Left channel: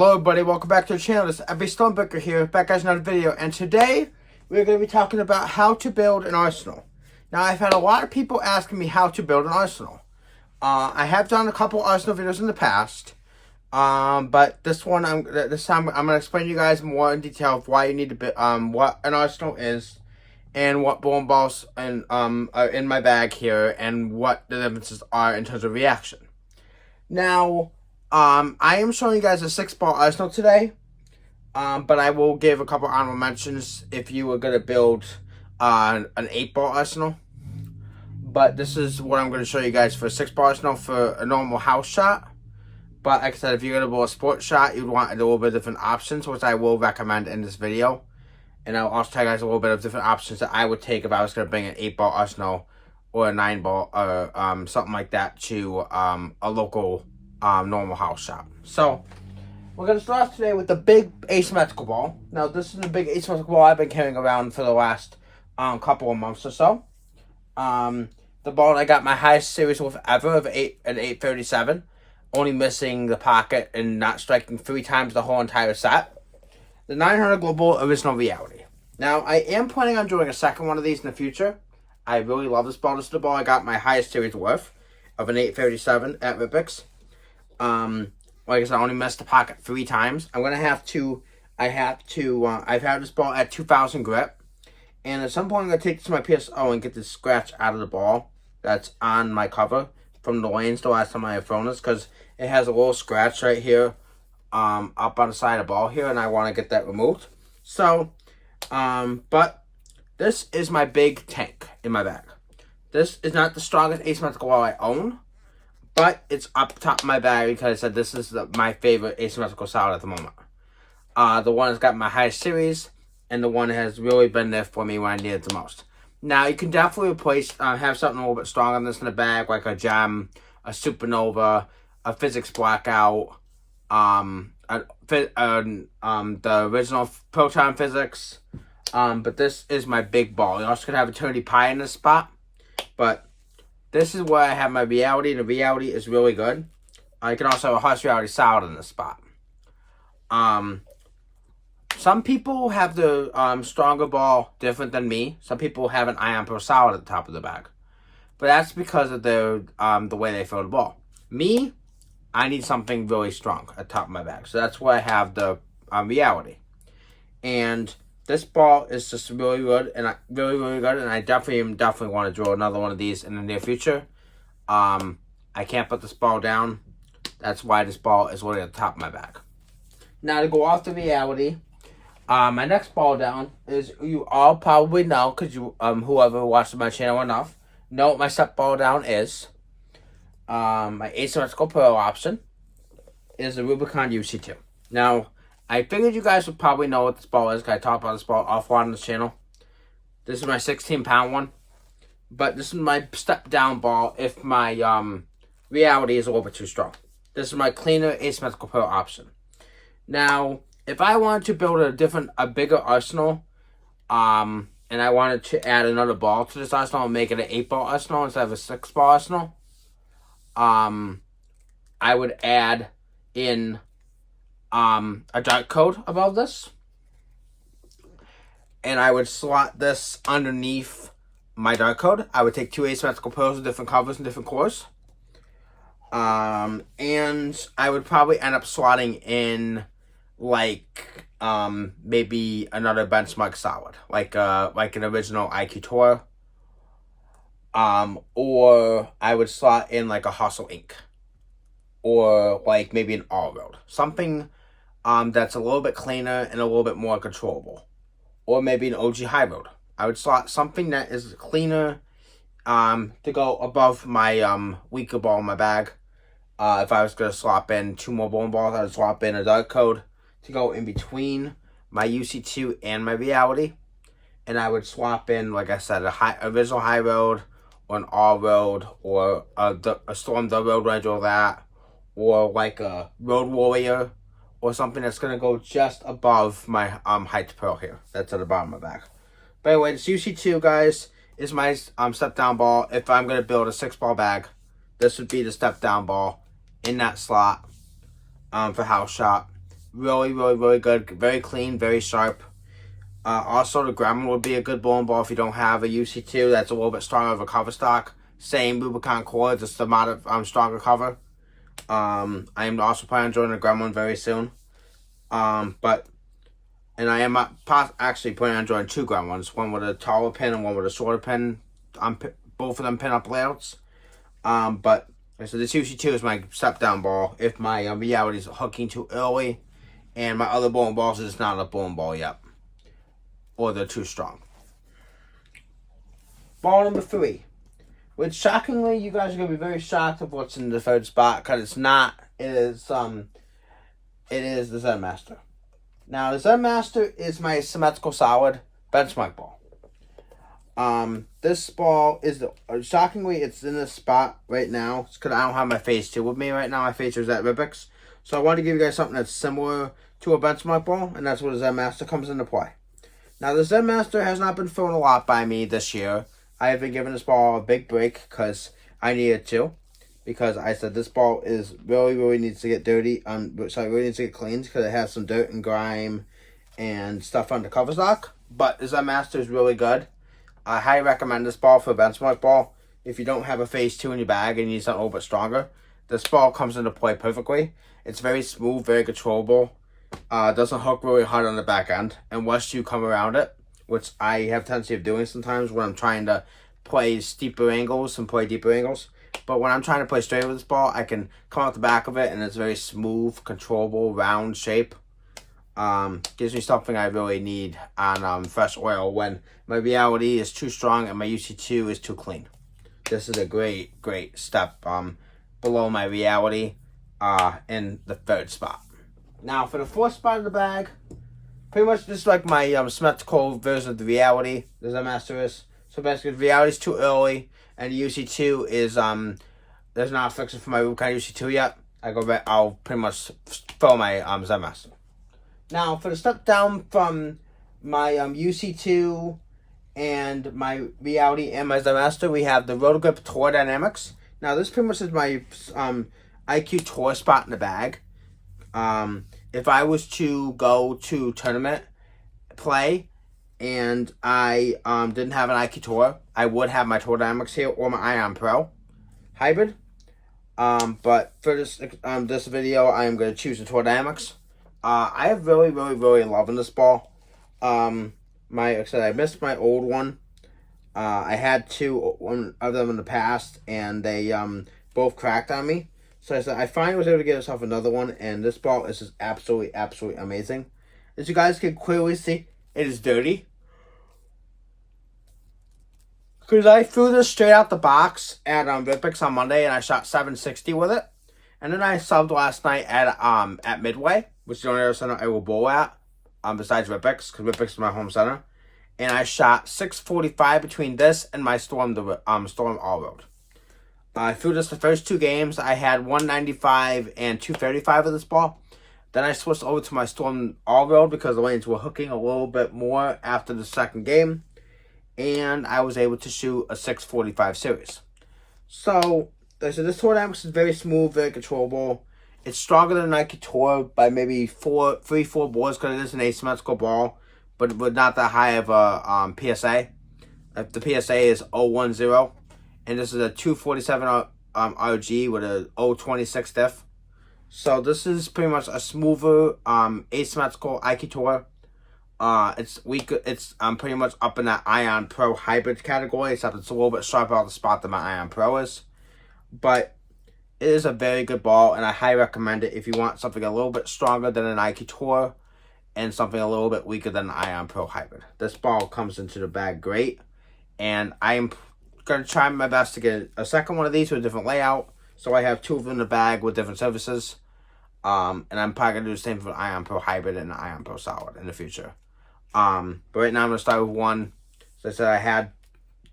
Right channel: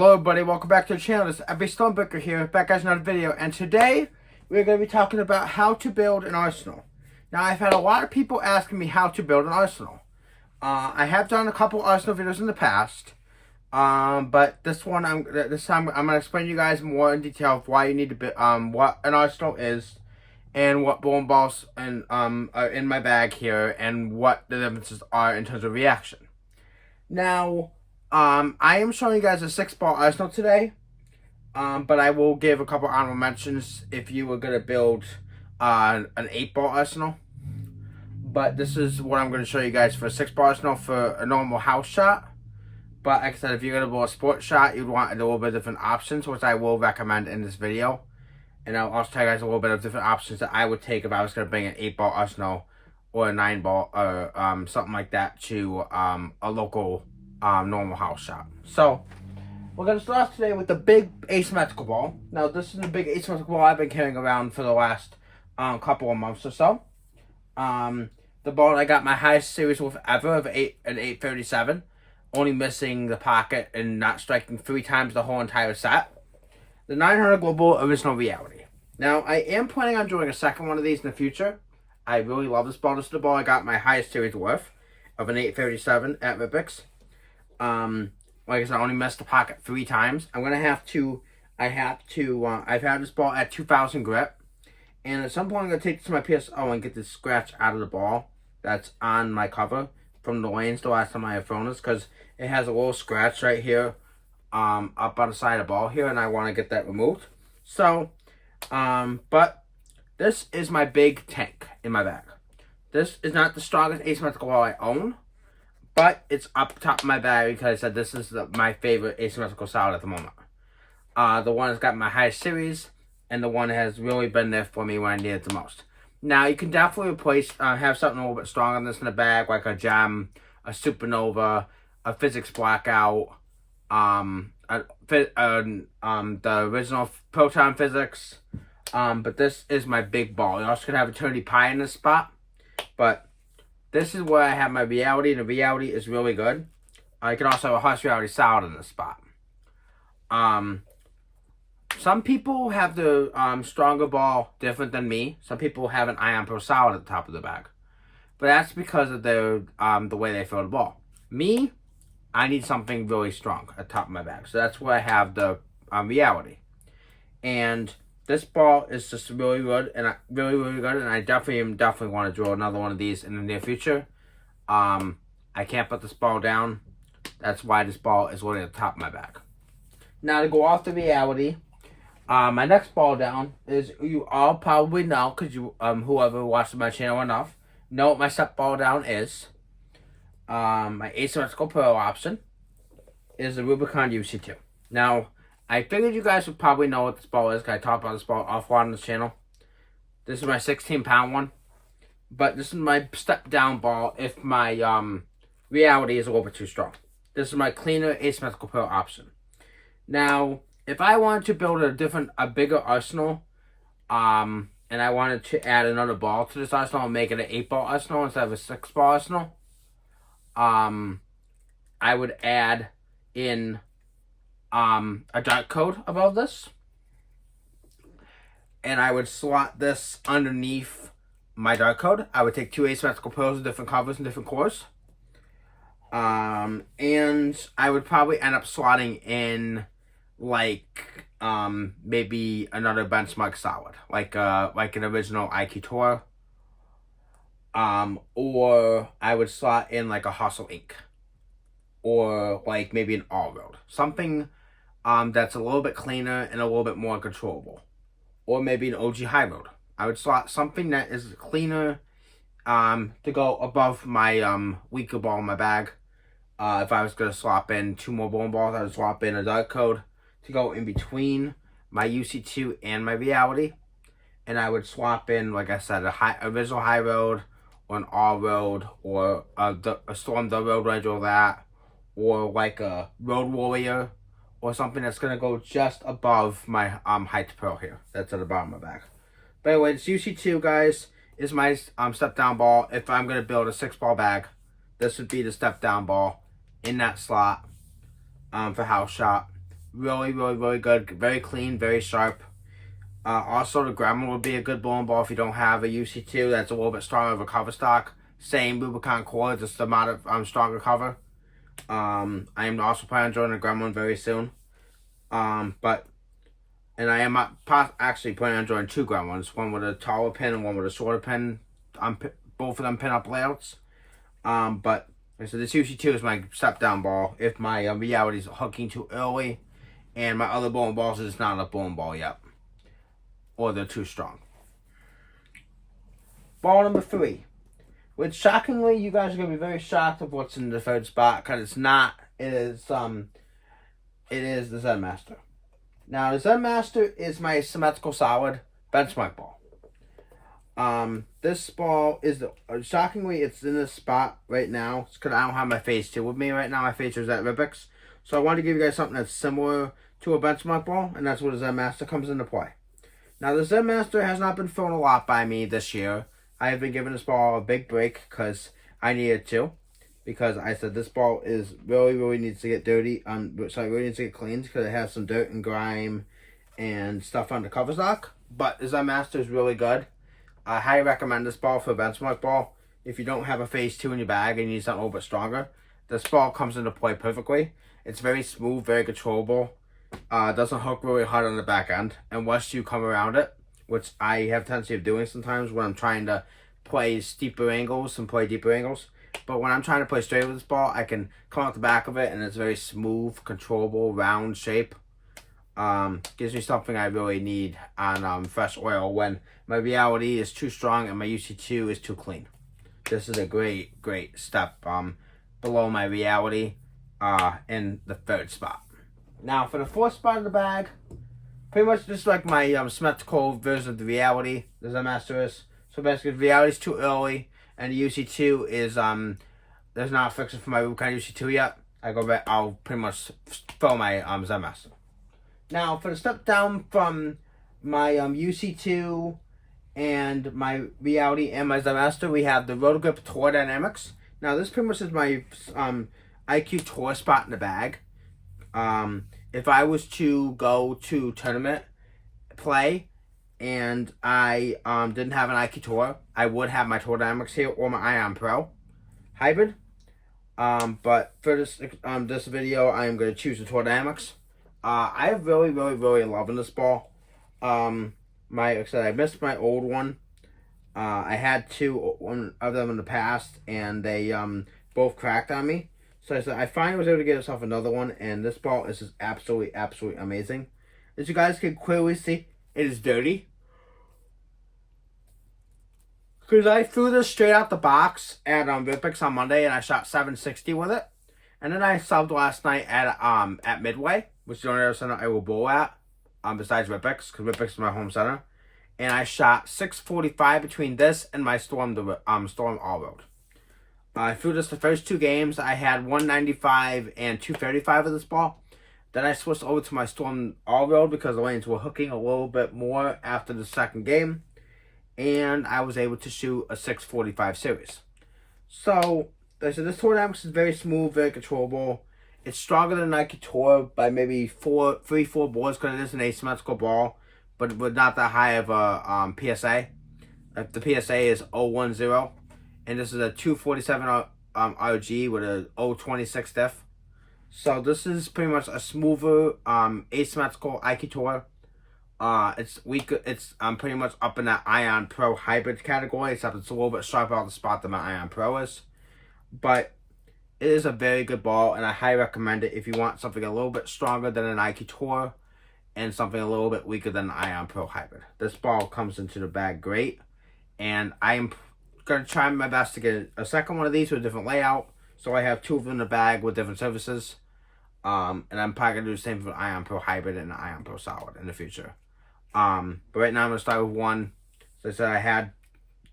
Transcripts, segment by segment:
Hello everybody, welcome back to the channel. This is Abby Stonebreaker here, back as another video, and today we're going to be talking about how to build an arsenal. Now, I've had a lot of people asking me how to build an arsenal. I have done a couple arsenal videos in the past, but this time I'm going to explain to you guys more in detail of why you need to build, what an arsenal is, and what bowling balls are in my bag here, and what the differences are in terms of reaction. Now, I am showing you guys a 6-ball arsenal today, but I will give a couple honorable mentions if you were going to build an 8-ball arsenal. But this is what I'm going to show you guys for a 6-ball arsenal for a normal house shot. But like I said, if you're going to build a sports shot, you'd want a little bit different options, which I will recommend in this video. And I'll also tell you guys a little bit of different options that I would take if I was going to bring an 8-ball arsenal or a 9-ball or something like that to a local normal house shot. So we're going to start off today with the big asymmetrical ball. Now, this is the big asymmetrical ball I've been carrying around for the last couple of months or so. The ball I got my highest series with ever of an 837, only missing the pocket and not striking 3 times the whole entire set. The 900 Global Original Reality. Now, I am planning on doing a second one of these in the future. I really love this ball. This is the ball I got my highest series with of an 837 at Ripix. Like I said, I only missed the pocket 3 times. I've had this ball at 2,000 grip. And at some point, I'm going to take this to my PSO and get this scratch out of the ball that's on my cover from the lanes the last time I have thrown this, because it has a little scratch right here up on the side of the ball here, and I want to get that removed. So, but this is my big tank in my bag. This is not the strongest asymmetrical ball I own, but it's up top of my bag because I said this is my favorite asymmetrical solid at the moment. The one that's got my highest series, and the one that has really been there for me when I need it the most. Now, you can definitely replace, have something a little bit stronger than this in the bag, like a Gem, a Supernova, a Physics Blackout, the original Proton Physics, but this is my big ball. You also could have Eternity Pie in this spot, but this is where I have my Reality, and the Reality is really good. You can also have a Harsh Reality Solid in this spot. Some people have the stronger ball different than me. Some people have an Ion Pro Solid at the top of the bag. But that's because of the way they throw the ball. Me, I need something really strong at the top of my bag. So that's why I have the Reality. And this ball is just really good, and really good, and I definitely want to draw another one of these in the near future. I can't put this ball down. That's why this ball is really at the top of my bag. Now, to go off the Reality, my next ball down is, you all probably know, because you whoever watches my channel enough know what my step ball down is. My asymmetrical Pro option is the Rubicon UC2. Now, I figured you guys would probably know what this ball is, because I talked about this ball offline on this channel. This is my 16-pound one. But this is my step-down ball if my Reality is a little bit too strong. This is my cleaner asymmetrical Pro option. Now, if I wanted to build a bigger arsenal, and I wanted to add another ball to this arsenal and make it an 8-ball arsenal instead of a 6-ball arsenal, I would add in a dart code above this, and I would slot this underneath my dart code. I would take 2 asymmetrical Pros with different covers and different cores, and I would probably end up slotting in like maybe another benchmark solid, like an original IQ Tour, or I would slot in like a Hustle Inc., or like maybe an All Road, something that's a little bit cleaner and a little bit more controllable, or maybe an OG High Road. I would slot something that is cleaner to go above my weaker ball in my bag. If I was going to swap in 2 more bowling balls, I would swap in a dart code to go in between my UC2 and my Reality. And I would swap in, like I said, original High Road, or an All Road, or a Storm the Road Ranger, or that, or like a Road Warrior, or something that's going to go just above my height Pro here. That's at the bottom of my bag. But anyway, this UC2, guys, is my step down ball. If I'm going to build a 6-ball bag, this would be the step down ball in that slot for house shot. Really, really, really good. Very clean, very sharp. Also, the Gremlin would be a good bowling ball if you don't have a UC2 that's a little bit stronger of a cover stock. Same Rubicon core, just the amount of stronger cover. I am also planning on joining a Gremlin very soon. And I am actually planning on joining 2 Gremlins, one with a taller pin and one with a shorter pin. Both of them pin-up layouts. But so this UC2 is my step-down ball if my reality is hooking too early, and my other bowling balls is not a bowling ball yet, or they're too strong. Ball number 3, which shockingly, you guys are gonna be very shocked of what's in the 3rd spot, because it's not. It is the Zen Master. Now the Zen Master is my symmetrical solid benchmark ball. This ball is shockingly, it's in this spot right now. It's because I don't have my Phase 2 with me right now. My Phase 2 is at Rubik's. So I wanted to give you guys something that's similar to a benchmark ball, and that's where the Zen Master comes into play. Now, the Zen Master has not been thrown a lot by me this year. I have been giving this ball a big break because I needed to. Because I said this ball is really needs to get dirty. Really needs to get cleaned because it has some dirt and grime and stuff on the cover stock. But the Zen Master is really good. I highly recommend this ball for a benchmark ball. If you don't have a Phase 2 in your bag and you need something a little bit stronger, this ball comes into play perfectly. It's very smooth, very controllable. Doesn't hook really hard on the back end. And once you come around it, which I have a tendency of doing sometimes when I'm trying to play steeper angles and play deeper angles. But when I'm trying to play straight with this ball, I can come out the back of it and it's very smooth, controllable, round shape. Gives me something I really need on fresh oil when my reality is too strong and my UC2 is too clean. This is a great step below my reality in the 3rd spot. Now for the 4th spot of the bag, pretty much just like my symmetrical version of the reality, the Zen Master is. So basically the reality is too early and the UC2 is there's not a fixer for my Rubicon UC2 yet. I'll pretty much throw my Zen Master. Now, for the step down from my UC2 and my reality and my Zen Master, we have the Roto-Grip Tour Dynamics. Now, this pretty much is my IQ Tour spot in the bag. If I was to go to tournament play and I didn't have an IQ Tour, I would have my Tour Dynamics here or my Ion Pro hybrid. But for this video, I am going to choose the Tour Dynamics. I have really loving this ball. Like I said, I missed my old one. I had 2 of them in the past, and they both cracked on me. So I said I finally was able to get myself another one, and this ball is just absolutely amazing. As you guys can clearly see, it is dirty. Because I threw this straight out the box at Rubik's on Monday, and I shot 760 with it. And then I subbed last night at Midway, which is the only other center I will bowl at, besides Rubik's, because Rubik's is my home center. And I shot 645 between this and my Storm All-Road. I threw this the first 2 games. I had 195 and 235 of this ball. Then I switched over to my Storm All-Road because the lanes were hooking a little bit more after the 2nd game. And I was able to shoot a 645 series. So, this Tour Dynamics is very smooth, very controllable. It's stronger than Nike Tour by maybe 4 boards because it is an asymmetrical ball, but with not that high of a PSA. The PSA is 010, and this is a 247 RG with a 026 diff. So this is pretty much a smoother asymmetrical IQ Tour. It's pretty much up in that Ion Pro hybrid category, except it's a little bit sharper on the spot than my Ion Pro is. But it is a very good ball, and I highly recommend it if you want something a little bit stronger than an IQ Tour and something a little bit weaker than an Ion Pro hybrid. This ball comes into the bag great, and I am going to try my best to get a second one of these with a different layout, so I have 2 of them in the bag with different services. And I'm probably going to do the same for an Ion Pro hybrid and an Ion Pro solid in the future. But right now I'm going to start with 1. As I said, I had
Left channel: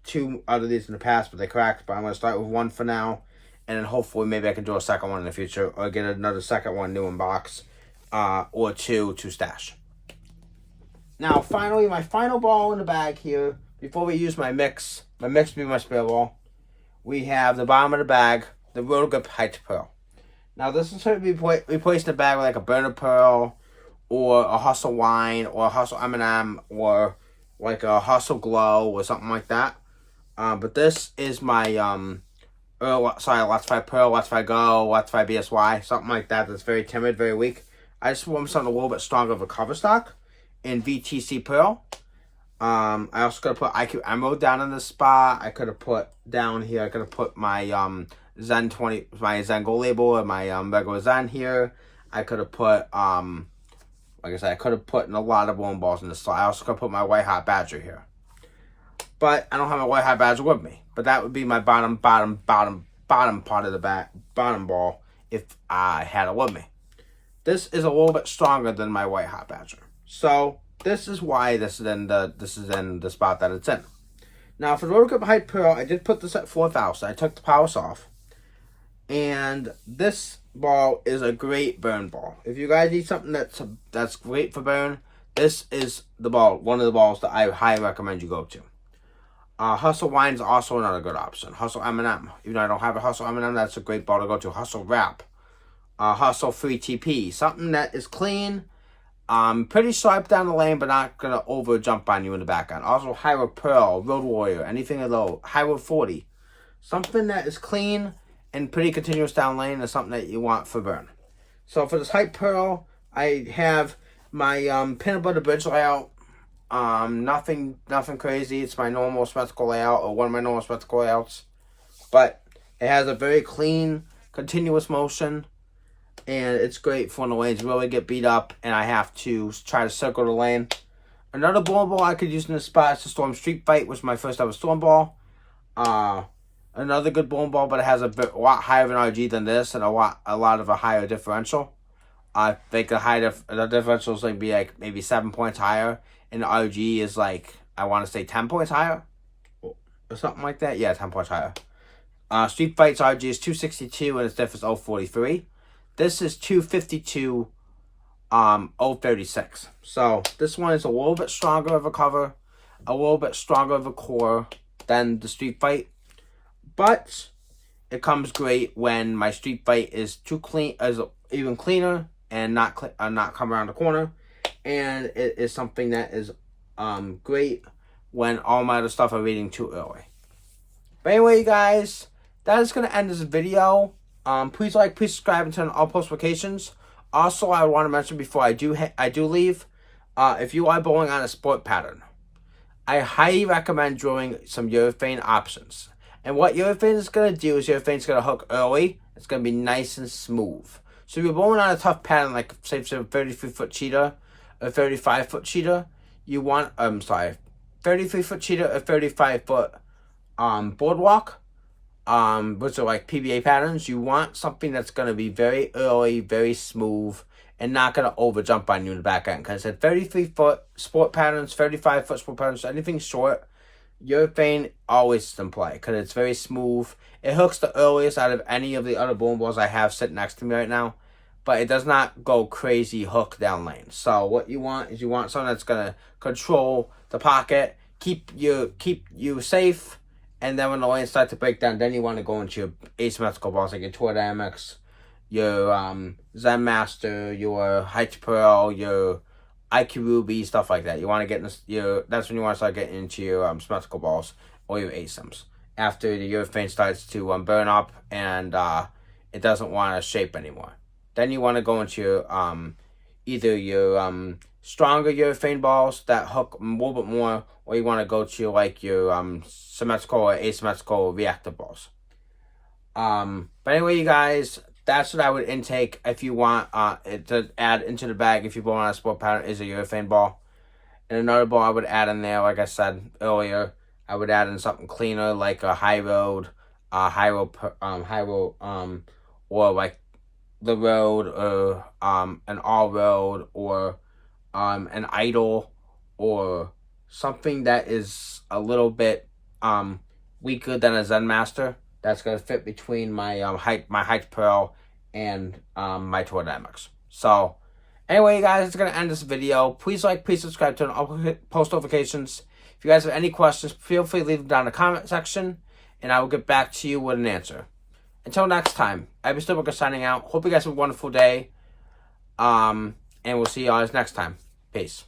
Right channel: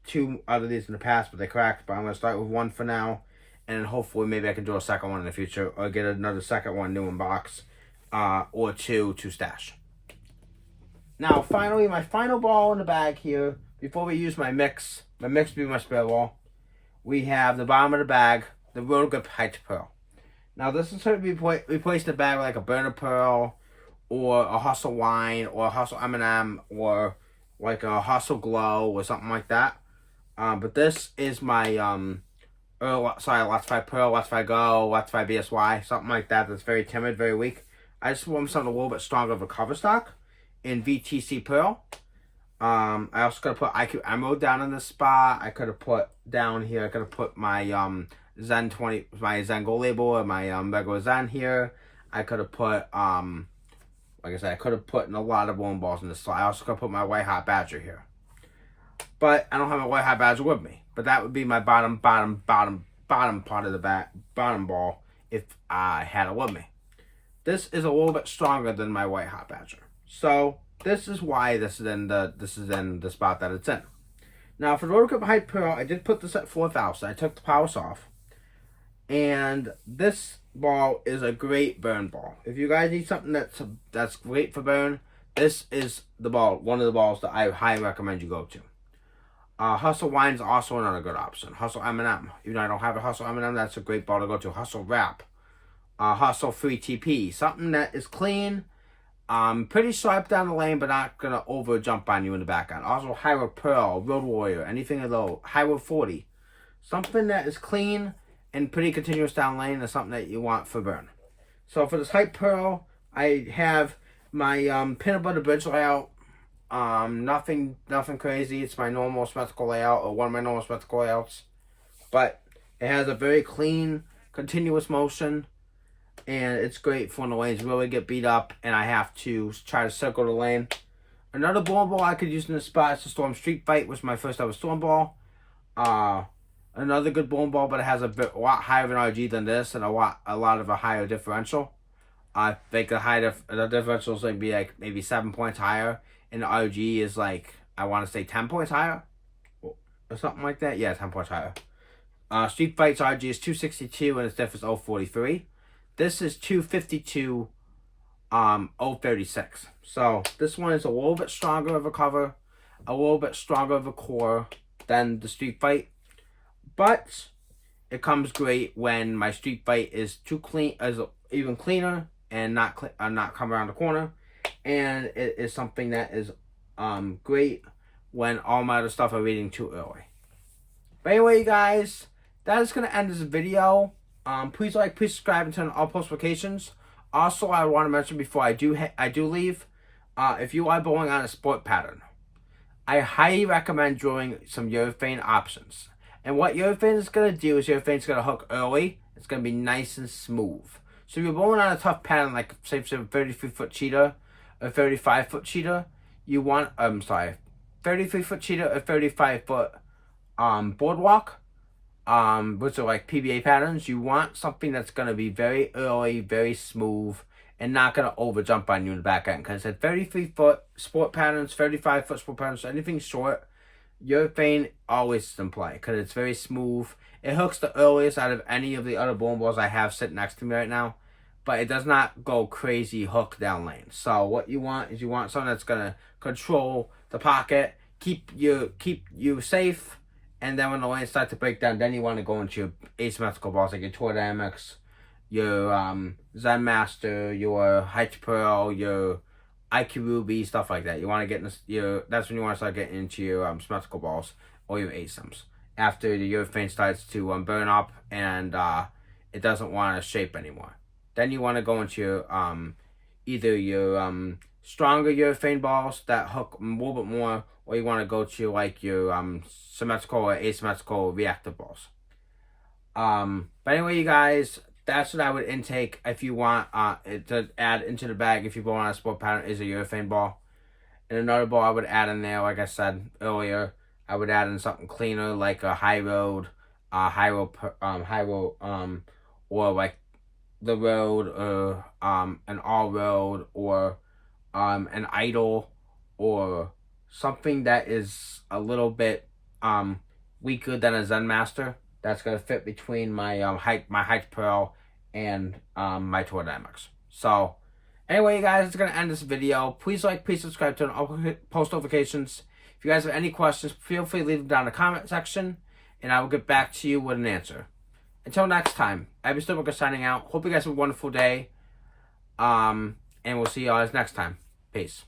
2 out of these in the past, but they cracked. But I'm going to start with 1 for now. And then hopefully maybe I can do a second one in the future. Or get another second one new in box. Or 2 to stash. Now, finally, my final ball in the bag here. Before we use my mix will be my spare ball. We have the bottom of the bag, the Roto-Grip Heights Pearl. Now, this is going to be replacing the bag with like a burner pearl or a Hustle Wine, or a Hustle M&M, or like a Hustle Glow, or something like that. But this is my, Latify Pearl, Latify Go, Latify BSY, something like that that's very timid, very weak. I just want something a little bit stronger of a cover stock in VTC Pearl. I also could have put IQ Emerald down in the spot. I could have put down here, I could have put my Zen 20, my Zen Gold label, and my regular Zen here. I could have put, like I said, I could have put in a lot of bowling balls in this slot. I also could have put my White Hot Badger here. But I don't have my White Hot Badger with me. But that would be my bottom part of the bottom ball if I had it with me. This is a little bit stronger than my White Hot Badger. So this is why this is in the spot that it's in. Now for the Roto Grip Hype Pearl, I did put this at 4,000. I took the powers off. And this ball is a great burn ball. If you guys need something that's great for burn, this is the ball, one of the balls that I highly recommend you go to. Hustle Wine is also another good option. Hustle M&M. Even though I don't have a Hustle M&M, that's a great ball to go to. Hustle Wrap. Hustle Free TP. Something that is clean, pretty sharp down the lane, but not going to over jump on you in the back end. Also, High Road Pearl, Road Warrior, anything low. High Road 40. Something that is clean and pretty continuous down lane is something that you want for burn. So for this Hype Pearl, I have my Peanut Butter Bridge layout. Nothing crazy. It's my normal spectacle layout, or one of my normal spectacle layouts. But it has a very clean, continuous motion. And it's great for when the lanes really get beat up and I have to try to circle the lane. Another bowling ball I could use in this spot is the Storm Street Fight, which was my first ever Storm ball. Another good bowling ball, but it has a lot higher of an RG than this, and a lot of a higher differential. I think the differential is like maybe 7 points higher, and the RG is like, I want to say 10 points higher, or something like that. Yeah, 10 points higher. Street Fight's RG is 262, and its diff is 043. This is 252, 036. So this one is a little bit stronger of a cover, a little bit stronger of a core than the Street Fight. But it comes great when my Street Fight is even cleaner and not come around the corner, and it is something that is great when all my other stuff are reading too early. But anyway, you guys, that is going to end this video. Please like, please subscribe, and turn on all post notifications. Also, I want to mention before I do leave, if you are bowling on a sport pattern, I highly recommend drawing some urethane options. And what urethane is going to do is urethane is going to hook early. It's going to be nice and smooth. So if you're bowling on a tough pattern, like say a 33-foot cheater, a 35-foot cheater, you want 33-foot cheater, a 35-foot boardwalk, which are like PBA patterns. You want something that's going to be very early, very smooth, and not going to over jump on you in the back end. Because at 33-foot sport patterns, 35-foot sport patterns, anything short, urethane always is in play because it's very smooth. It hooks the earliest out of any of the other bowling balls I have sitting next to me right now, but it does not go crazy hook down lane. So what you want is something that's gonna control the pocket, keep you safe, and then when the lanes start to break down, then you want to go into your asymmetrical balls like your Tour Dynamics, your Zen Master, your Heights Pearl, your IQ Ruby, stuff like that. You want to get in that's when you want to start getting into your symmetrical balls or your ASIMs. After the urethane starts to burn up and it doesn't want to shape anymore. Then you want to go into your either your stronger urethane balls that hook a little bit more, or you want to go to like your symmetrical or asymmetrical reactive balls. But anyway, you guys, that's what I would intake if you want to add into the bag if you're bowling on a sport pattern is a urethane ball. And another ball I would add in there, like I said earlier, I would add in something cleaner like a high road, or like the road, or an all road, or an idle, or something that is a little bit weaker than a Zen Master. That's gonna fit between my Heights Pearl and my Tour Dynamics. So anyway, guys, it's gonna end this video. Please like, please subscribe, turn on post notifications. If you guys have any questions, feel free to leave them down in the comment section, and I will get back to you with an answer. Until next time, I've been Stillbooker signing out. Hope you guys have a wonderful day. And and we'll see you guys next time. Peace.